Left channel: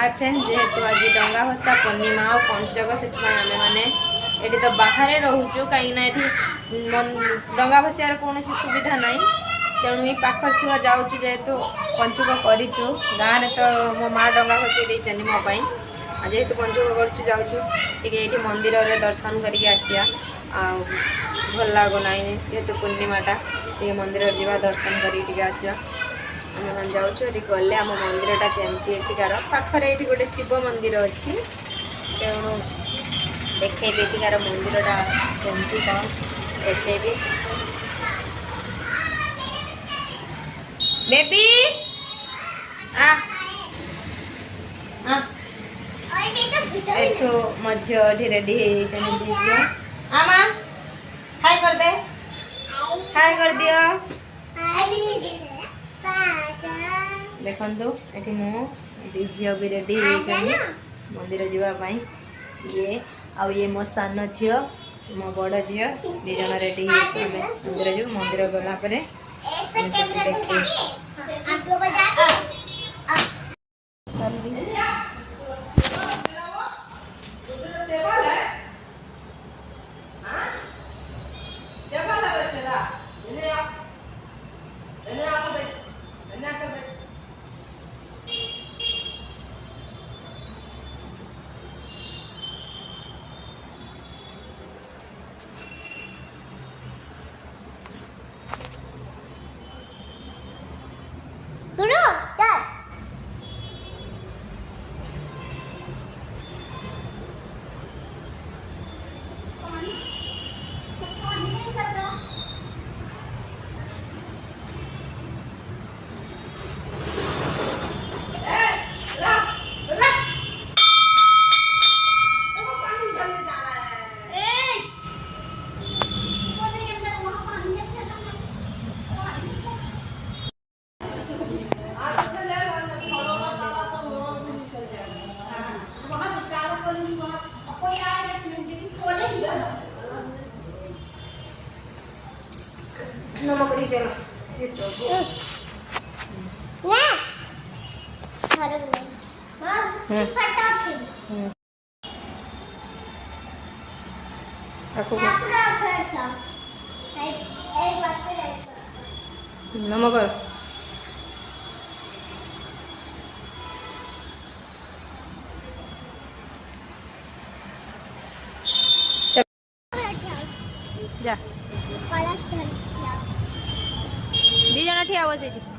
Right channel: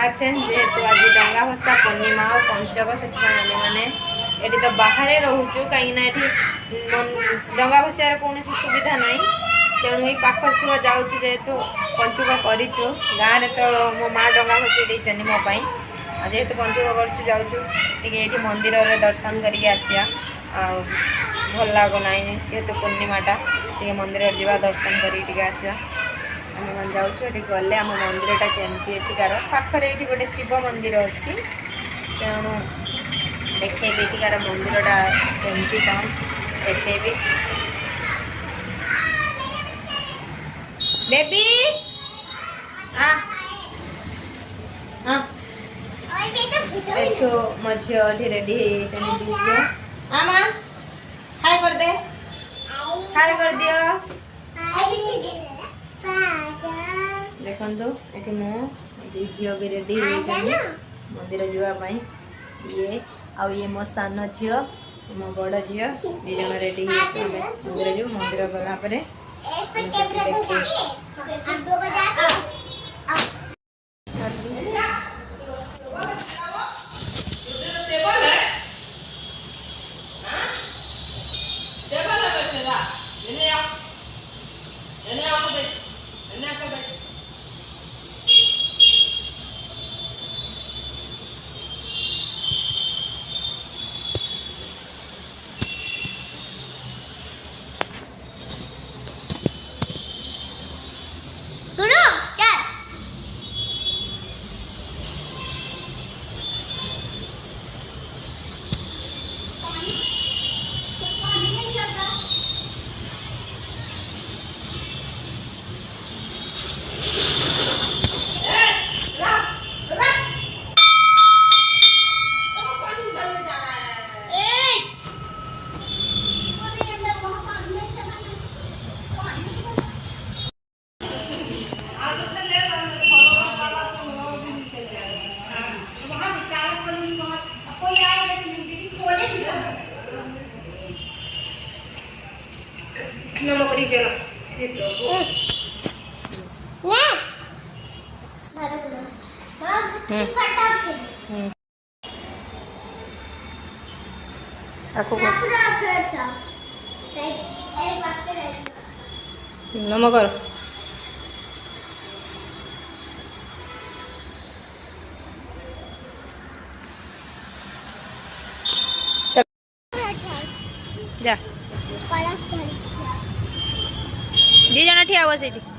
hi friends, जेहेतु आज डंगा भसा पूर्णिमा और पंचक से आम मैंने ये तो बाहर रोचु कहीं डंगा भसार कौन सुविधा ना तेणु ये पाखर थी जाऊँ जेहेतु पंचुक करूँ गाँव में तो मो माँ डंगा भसई देनी मोपाई जेहेतु पंचुक करूँ जाऊँ ये मंदिर में दर्शन करके आसिया भल लगुना जेहेतु पूर्णिमाटा टे मंदिर जावा दर्शन करके आसिया आम जाऊँ गले आम मंदिरटा केमती एଠିकार पाखर ये गोटे शिव मंदिर अच्छी तेणु देखेबी एଠିकार मंदिरटा केमती कौन देखेबी बेबी एठो मो झी रेडी हो आमा हाय कर दे हाय कर दियो देखो ये मो झील भी रेडी मंदिर जावाई ये आउ ये मो सान झी मो बड़ झी दीज रेडी मंदिर जीव मंदिर गलापर नमक चलो नमक जा दी जना ठिया हुआ से